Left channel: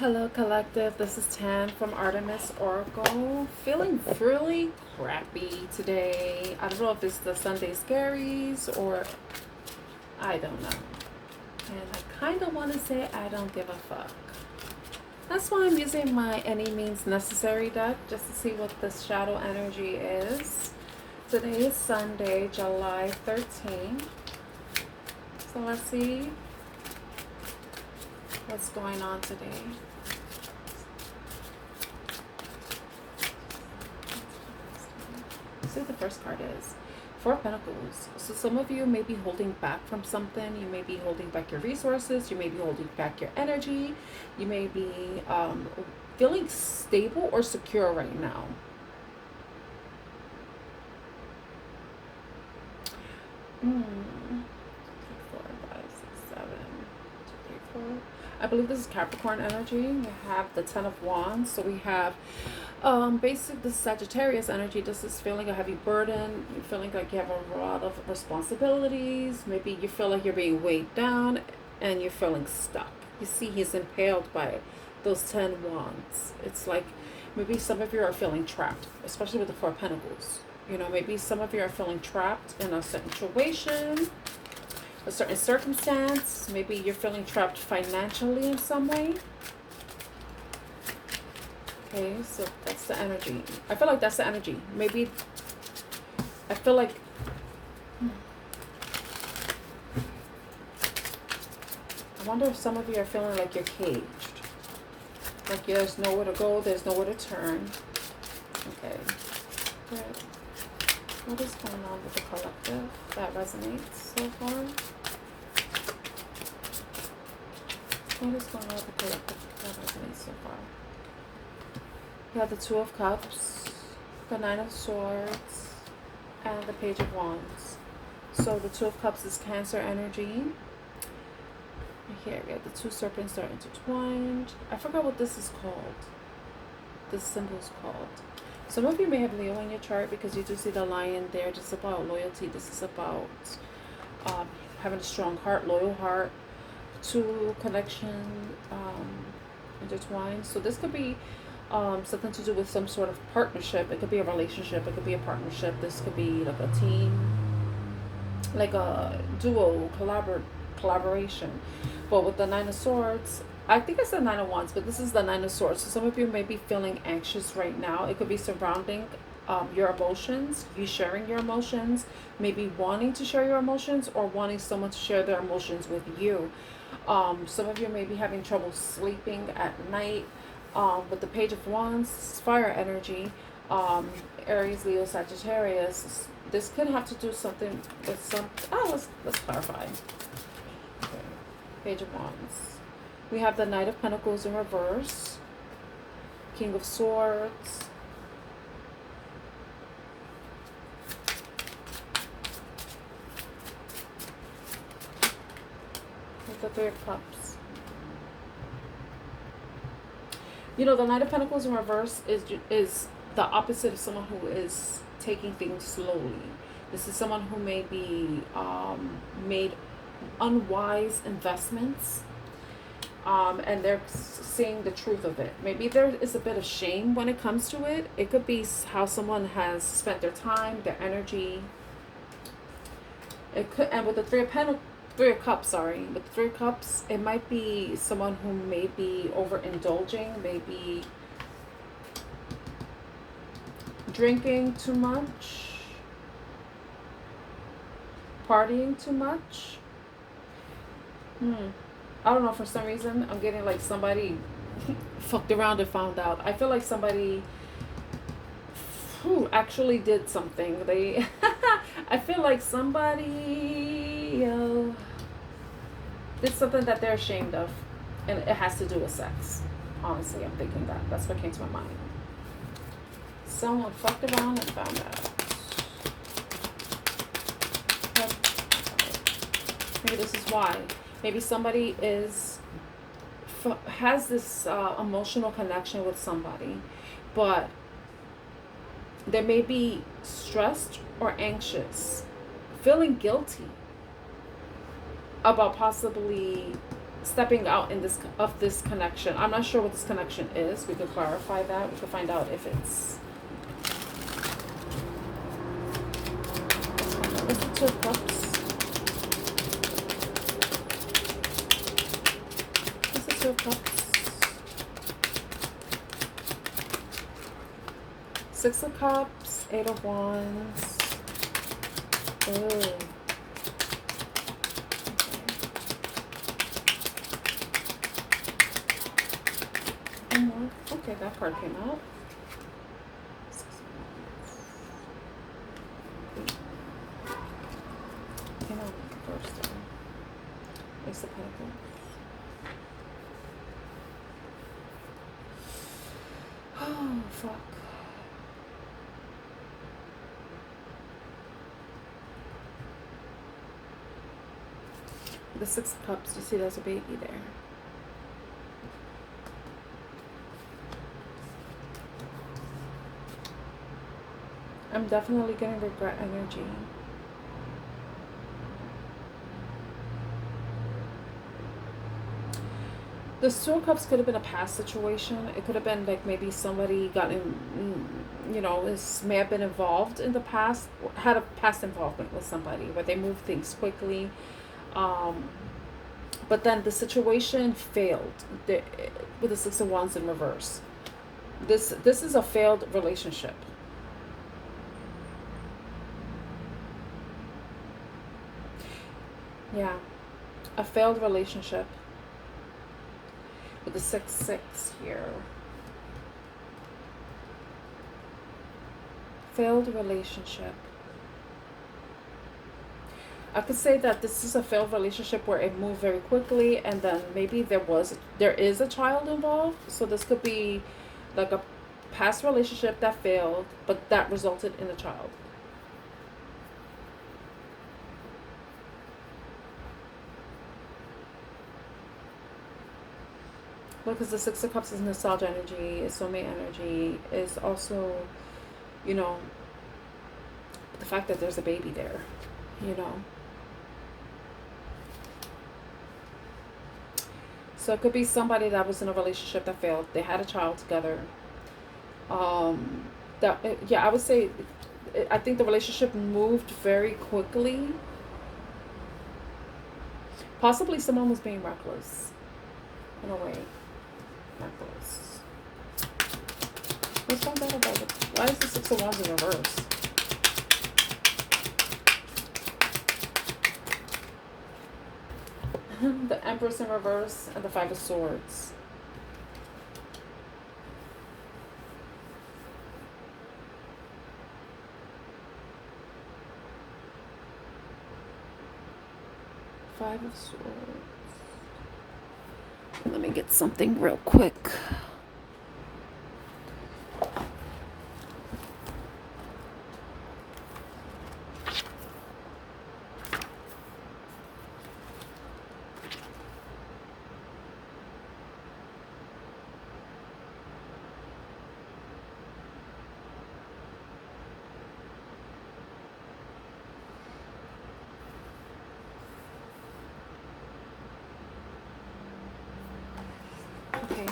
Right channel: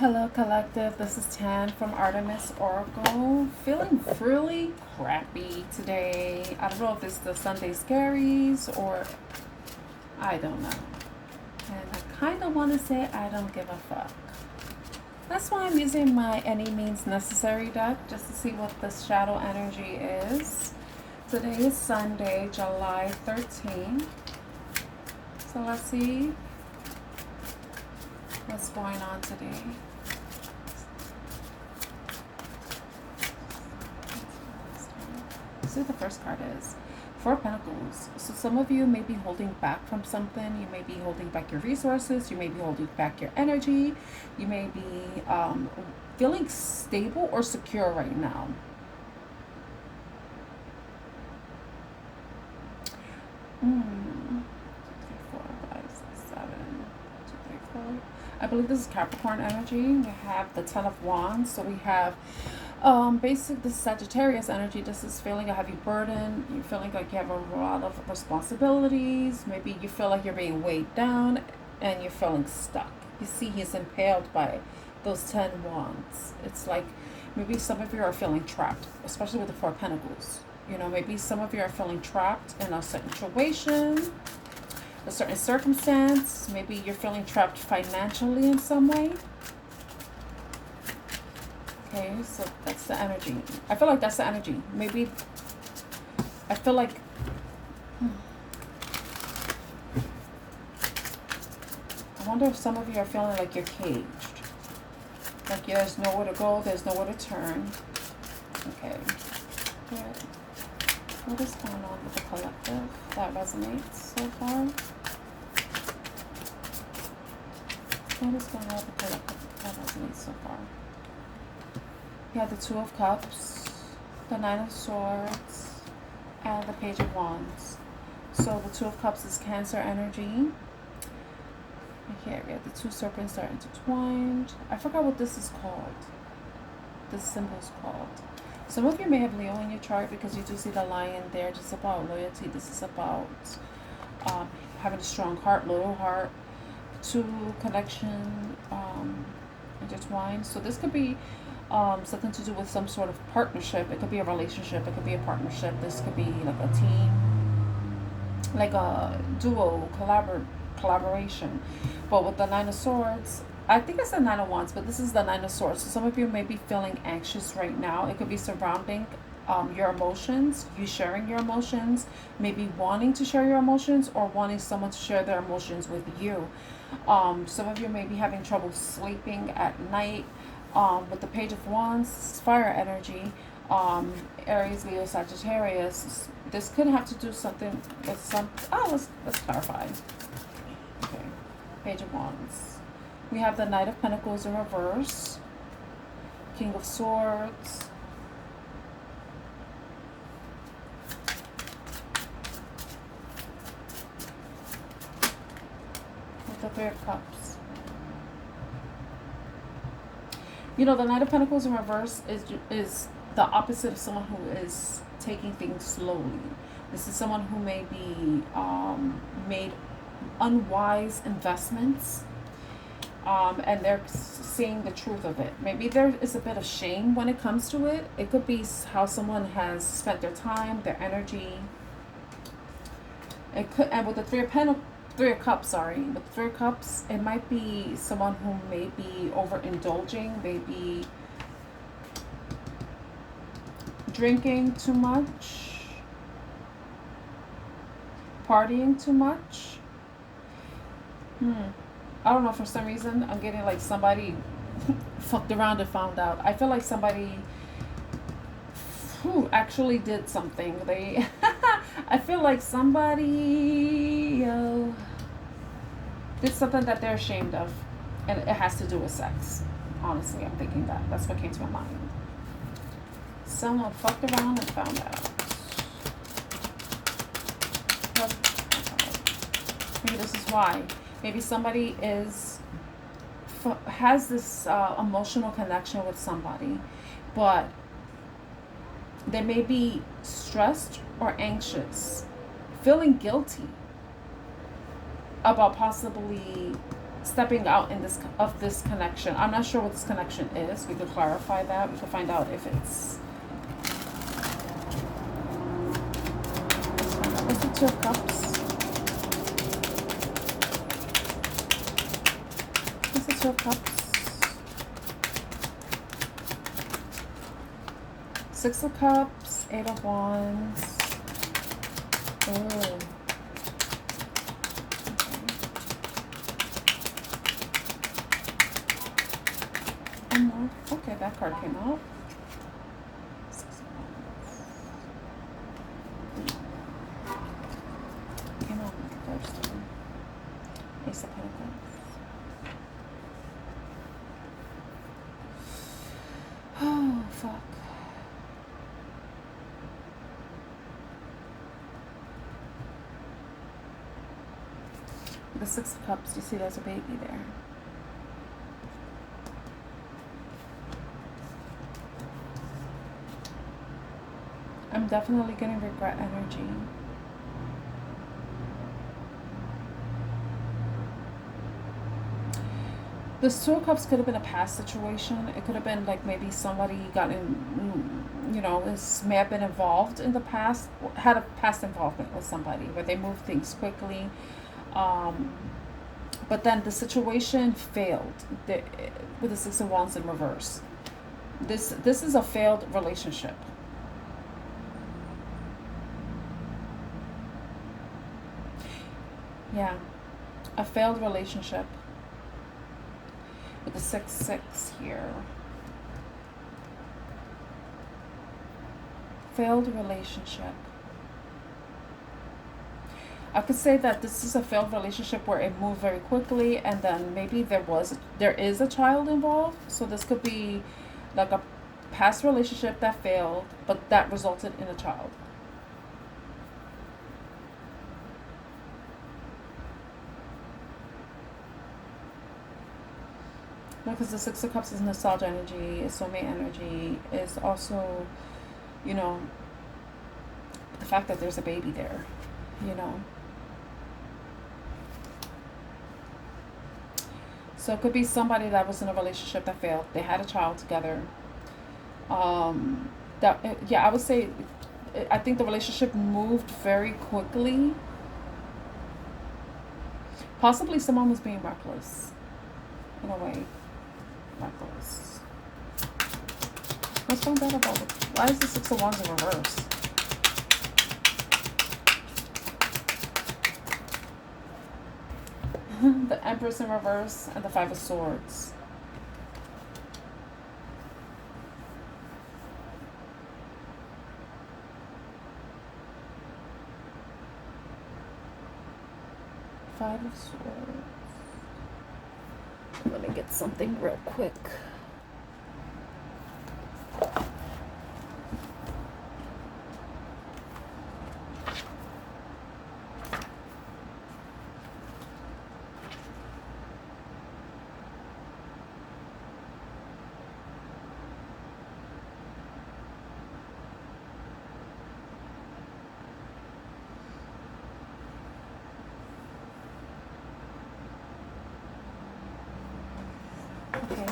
Hello, collective. This is Tan from Artemis Oracle. Feeling really crappy today. I don't know if it's the Sunday scaries or I don't know. And I kind of want to say I don't give a fuck. That's why I'm using my Any Means Necessary deck just to see what the shadow energy is. Today is Sunday, July 13th. So let's see what's going on today. See what the first card is. Four of Pentacles. So some of you may be holding back from something. You may be holding back your resources. You may be holding back your energy. You may be feeling stable or secure right now. Four, five, six, 7, 2, 3, 4. I believe this is Capricorn energy. We have the Ten of Wands. So we have basic the Sagittarius energy. This is feeling a heavy burden. You're feeling like you have a lot of responsibilities. Maybe you feel like you're being weighed down and you're feeling stuck. You see he's impaled by those 10 wands. It's like maybe some of you are feeling trapped, especially with the Four of Pentacles. You know, maybe some of you are feeling trapped in a certain situation, a certain circumstance. Maybe you're feeling trapped financially in some way. Okay, so that's the energy. I feel like that's the energy. Maybe, I feel like, I wonder if some of you are feeling like you're caged. Like there's nowhere to go, there's nowhere to turn. Okay, good. What is going on with the collective that resonates so far? What is going on with the collective that resonates so far? You have the Two of Cups, the Nine of Swords, and the Page of Wands. So the Two of Cups is Cancer energy. Here we have the two serpents that are intertwined. I forgot what this is called. This symbol is called. Some of you may have Leo in your chart because you do see the lion there. This is about loyalty. This is about having a strong heart, loyal heart, two connection intertwined. So this could be something to do with some sort of partnership. It could be a relationship. It could be a partnership. This could be like a team, like a duo, collaboration. But with the Nine of Swords, I think it's the Nine of Wands, but this is the Nine of Swords. So some of you may be feeling anxious right now. It could be surrounding your emotions, you sharing your emotions, maybe wanting to share your emotions or wanting someone to share their emotions with you. Some of you may be having trouble sleeping at night. With the Page of Wands, fire energy, Aries, Leo, Sagittarius. This could have to do something with some. Oh, let's clarify. Okay, Page of Wands. We have the Knight of Pentacles in reverse, King of Swords, with the Three of Cups. You know, the Knight of Pentacles in reverse is the opposite of someone who is taking things slowly. This is someone who may be made unwise investments, and they're seeing the truth of it. Maybe there is a bit of shame when it comes to it. It could be how someone has spent their time, their energy. It could, and with the Three of Cups, with the Three of Cups, it might be someone who may be overindulging, maybe drinking too much, partying too much. I don't know, for some reason, I'm getting like somebody fucked around and found out. I feel like somebody who actually did something. They, I feel like somebody did something that they're ashamed of, and it has to do with sex. Honestly, I'm thinking that. That's what came to my mind. Someone fucked around and found out. Maybe this is why. Maybe somebody has this emotional connection with somebody, but they may be stressed or anxious, feeling guilty about possibly stepping out in this connection. I'm not sure what this connection is. We could clarify that. We could find out if it's. What's the Two of Cups? What's the Two of Cups? Six of Cups, Eight of Wands. Oh. Okay, that card came out. Came out first there. Ace of Pentacles. Oh, fuck. The Six of Cups, you see there's a baby there. I'm definitely getting regret energy. This Two of Cups could have been a past situation. It could have been like maybe somebody got in, you know, may have been involved in the past, had a past involvement with somebody where they moved things quickly. But then the situation failed with the Six of Wands in reverse. This is a failed relationship. Yeah, a failed relationship with the 6-6 here. Failed relationship. I could say that this is a failed relationship where it moved very quickly, and then maybe there is a child involved. So this could be like a past relationship that failed, but that resulted in a child. Because the Six of Cups is nostalgia energy, is soulmate energy, is also, you know, the fact that there's a baby there, you know. So it could be somebody that was in a relationship that failed. They had a child together. Yeah, I would say, I think the relationship moved very quickly. Possibly someone was being reckless, in a way. Reckless. Let's find out about it. Why is the Six of Wands in reverse? The Empress in reverse and the Five of Swords. Five of Swords. Let me get something real quick. Okay.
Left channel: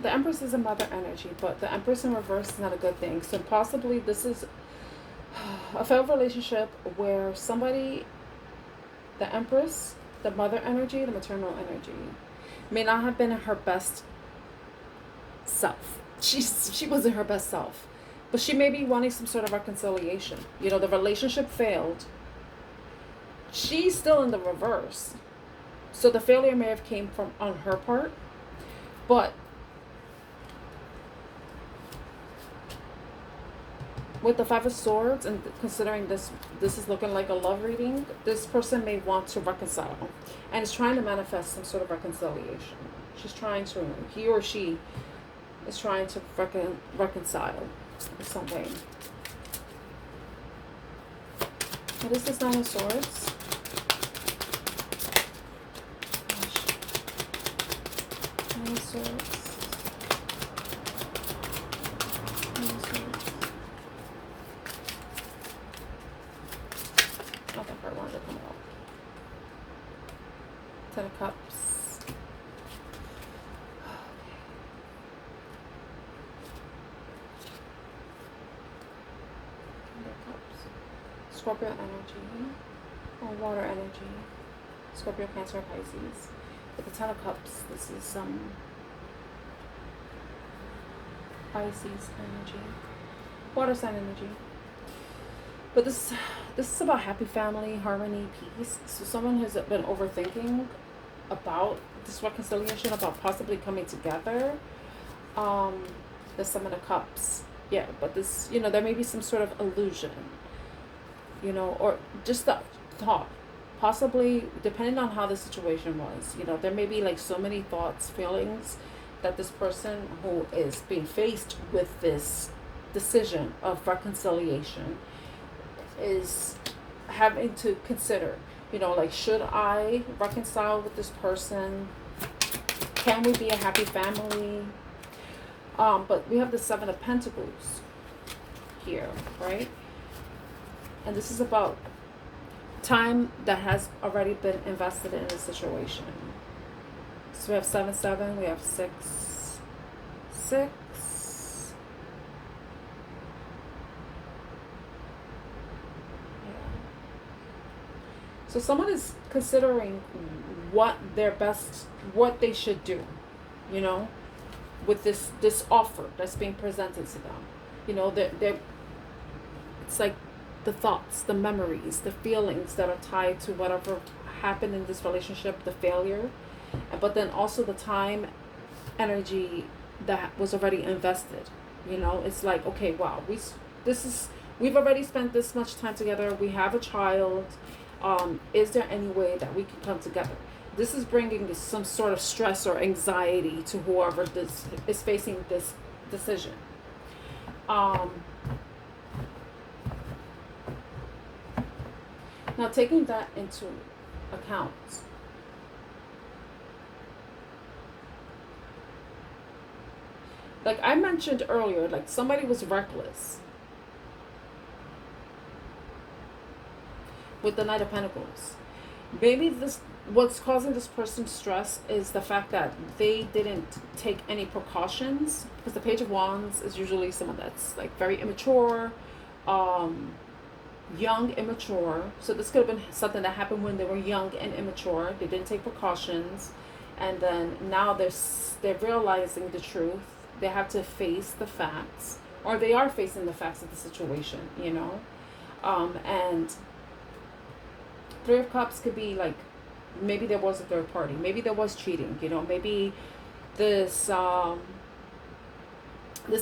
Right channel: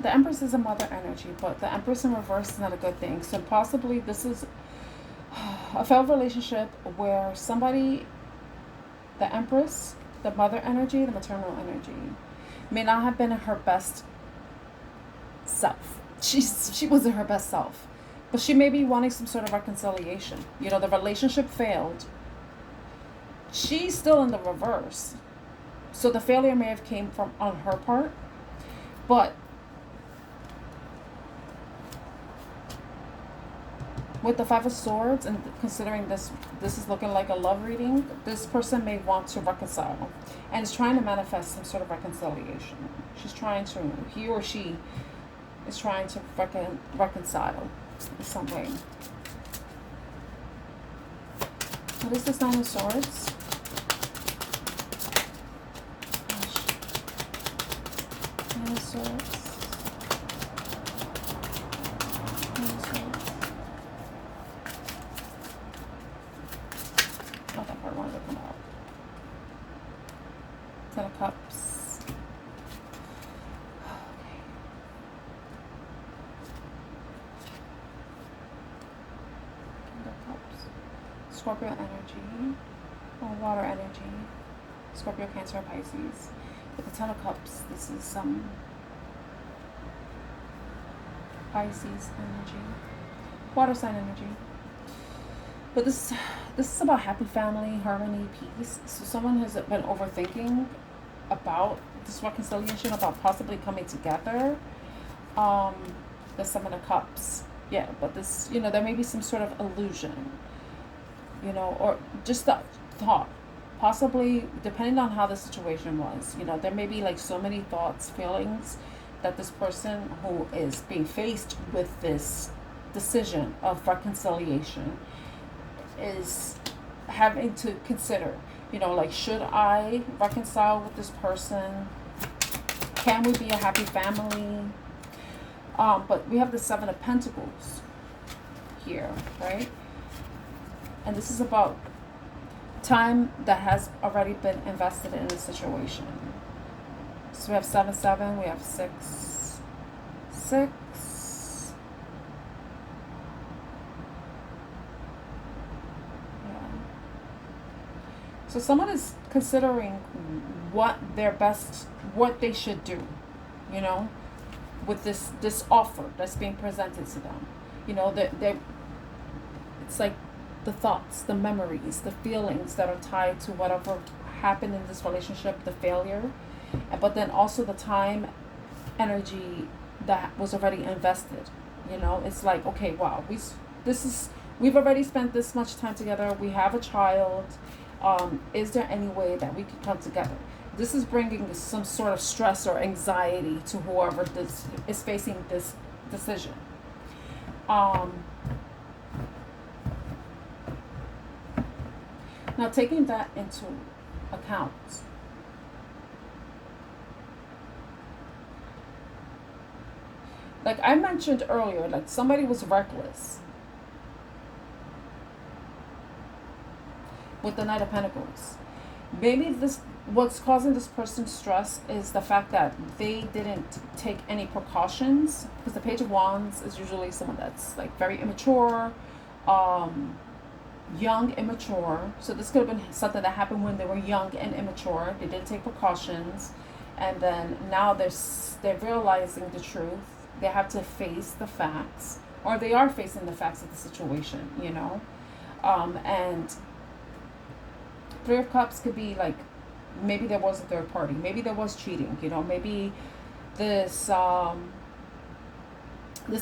The Empress is a mother energy, but the Empress in reverse is not a good thing. So possibly this is a failed relationship where somebody, the Empress, the mother energy, the maternal energy, may not have been her best self. She wasn't her best self. But she may be wanting some sort of reconciliation. You know, the relationship failed. She's still in the reverse. So the failure may have came from on her part, but with the Five of Swords, and considering this is looking like a love reading, this person may want to reconcile and is trying to manifest some sort of reconciliation. He or she is trying to reconcile in some way. What is this Nine of Swords? Nine of Swords. Nine of Swords. Oh, that part wanted to come out. Ten of Cups. Ten of Cups. Scorpio energy. Or water energy. Scorpio, Cancer, Pisces. With the Ten of Cups, this is some Pisces energy. Water sign energy. But this is about happy family, harmony, peace. So someone has been overthinking about this reconciliation, about possibly coming together. The Seven of Cups. Yeah, but this, you know, there may be some sort of illusion, you know, or just the thought. Possibly, depending on how the situation was, you know, there may be like so many thoughts, feelings that this person who is being faced with this decision of reconciliation is having to consider, you know, like, should I reconcile with this person? Can we be a happy family? But we have the Seven of Pentacles here, right? And this is about time that has already been invested in a situation. So we have 7-7, we have 6-6. Yeah. So someone is considering what they should do, you know, with this offer that's being presented to them. You know, it's like the thoughts, the memories, the feelings that are tied to whatever happened in this relationship, the failure, but then also the time, energy that was already invested. You know, it's like, okay, wow, we've already spent this much time together. We have a child. Is there any way that we could come together? This is bringing some sort of stress or anxiety to whoever this is facing this decision. Now, taking that into account, like I mentioned earlier, like somebody was reckless with the Knight of Pentacles. Maybe what's causing this person stress is the fact that they didn't take any precautions, because the Page of Wands is usually someone that's like very immature, young, immature. So this could have been something that happened when they were young and immature. They didn't take precautions, and then now they're realizing the truth. They have to face the facts, or they are facing the facts of the situation, you know. And Three of Cups could be like, maybe there was a third party, maybe there was cheating, you know, maybe this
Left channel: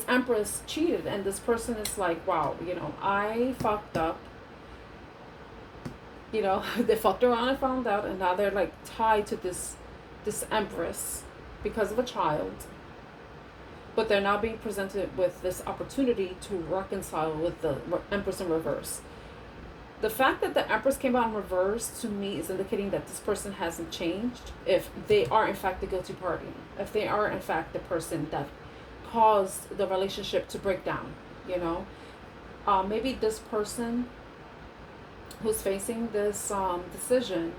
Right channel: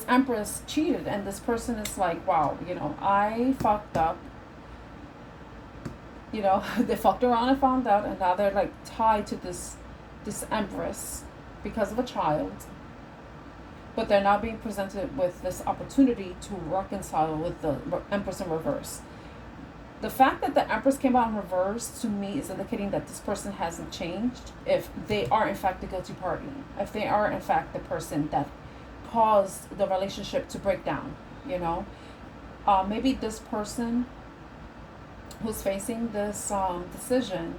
Empress cheated, and this person is like, wow, you know, I fucked up. You know, they fucked around and found out, and now they're like tied to this Empress because of a child. But they're now being presented with this opportunity to reconcile with the Empress in reverse. The fact that the Empress came out in reverse, to me, is indicating that this person hasn't changed. If they are in fact the guilty party, if they are in fact the person that caused the relationship to break down, you know, maybe this person who's facing this decision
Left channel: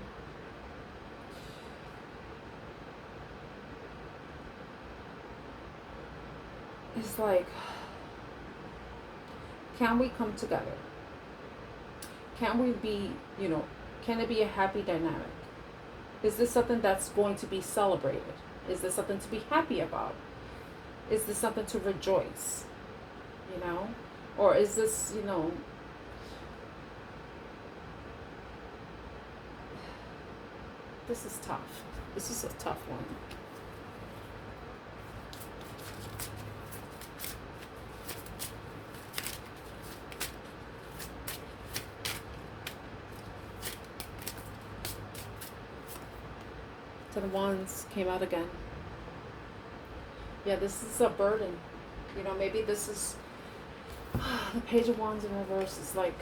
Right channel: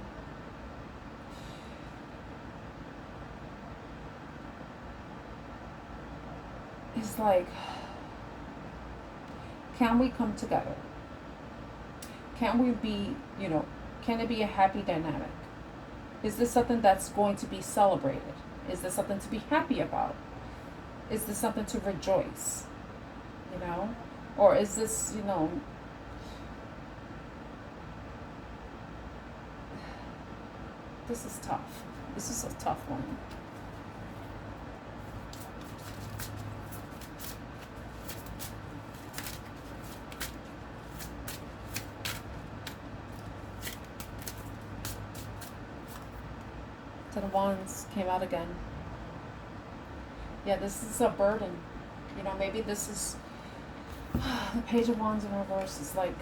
is like, can we come together? Can we be, you know, can it be a happy dynamic? Is this something that's going to be celebrated? Is this something to be happy about? Is this something to rejoice? You know? Or is this, you know, this is tough. This is a tough one. Ten of Wands came out again. Yeah, this is a burden. You know, maybe this is the Page of Wands in reverse is like,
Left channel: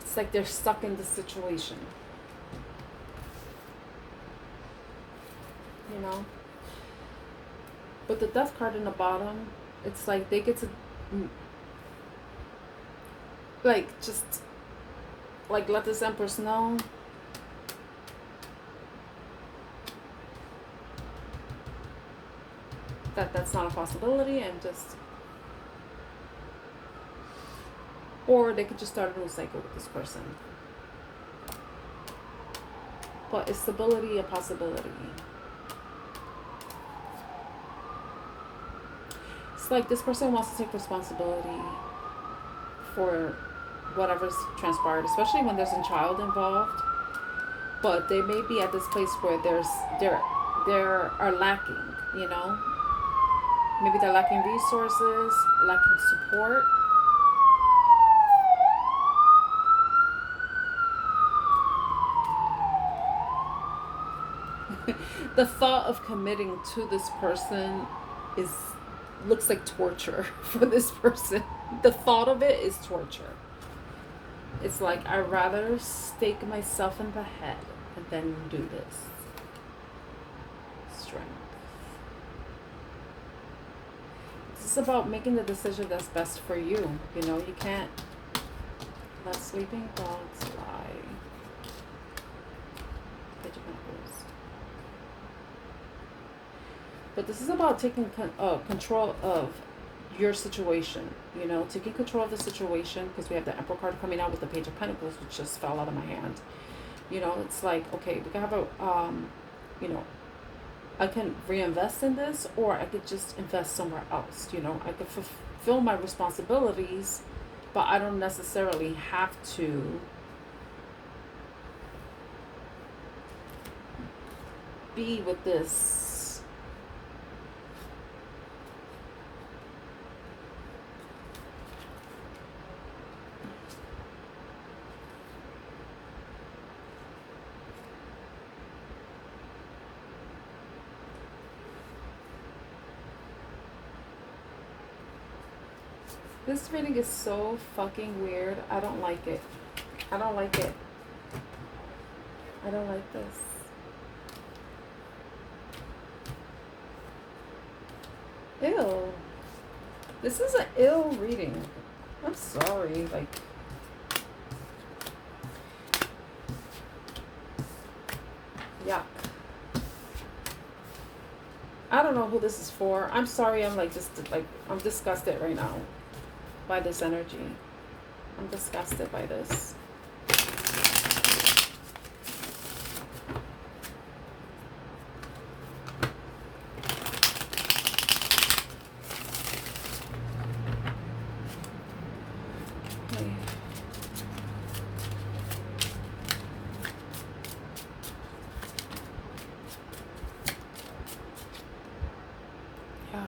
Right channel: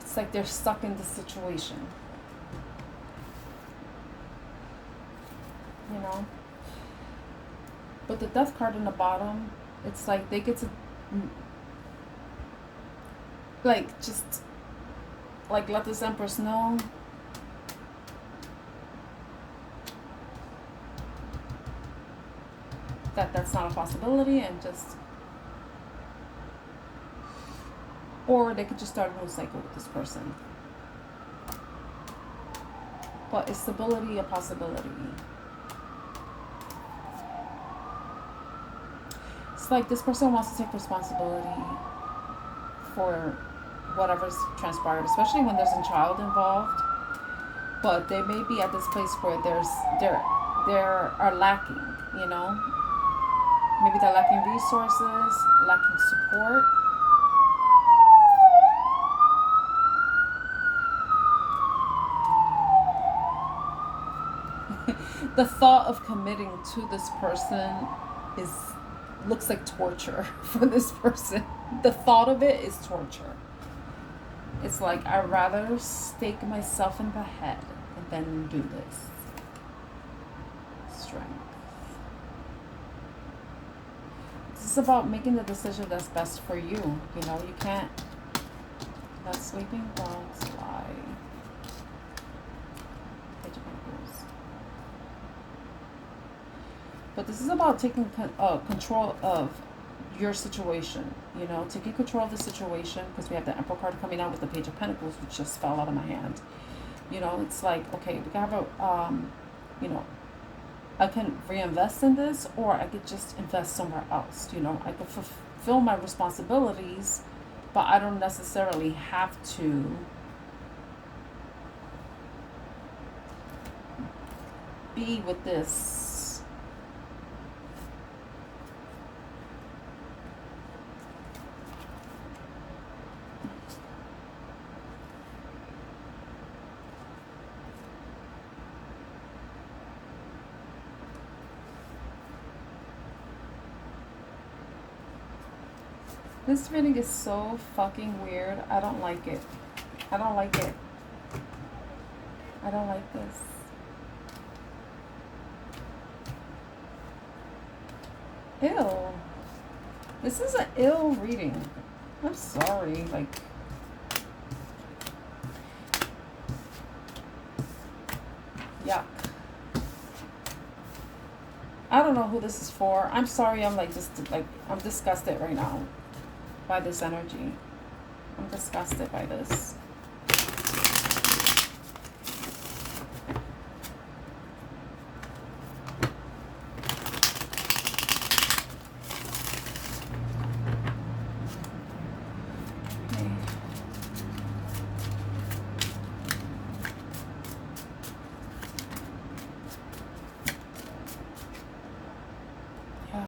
it's like they're stuck in this situation. You know? But the Death card in the bottom, it's like they get to, like, just like, let this Empress know that that's not a possibility, and just, or they could just start a new cycle with this person. But is stability a possibility? It's like this person wants to take responsibility for whatever's transpired, especially when there's a child involved. But they may be at this place where there are lacking, you know? Maybe they're lacking resources, lacking support. The thought of committing to this person looks like torture for this person. The thought of it is torture. It's like, I'd rather stake myself in the head than do this. Strength. It's about making the decision that's best for you. You know, you can't let sleeping dogs lie. Page of Pentacles. But this is about taking control of your situation, you know, taking control of the situation, because we have the Emperor card coming out with the Page of Pentacles, which just fell out of my hand. You know, it's like, okay, we can have a, you know, I can reinvest in this, or I could just invest somewhere else. You know, I could fulfill my responsibilities, but I don't necessarily have to be with this. This reading is so fucking weird. I don't like it. I don't like it. I don't like this. Ew. This is an ill reading. I'm sorry. Like, yuck. I don't know who this is for. I'm sorry. I'm like, just like, I'm disgusted right now by this energy. I'm disgusted by this.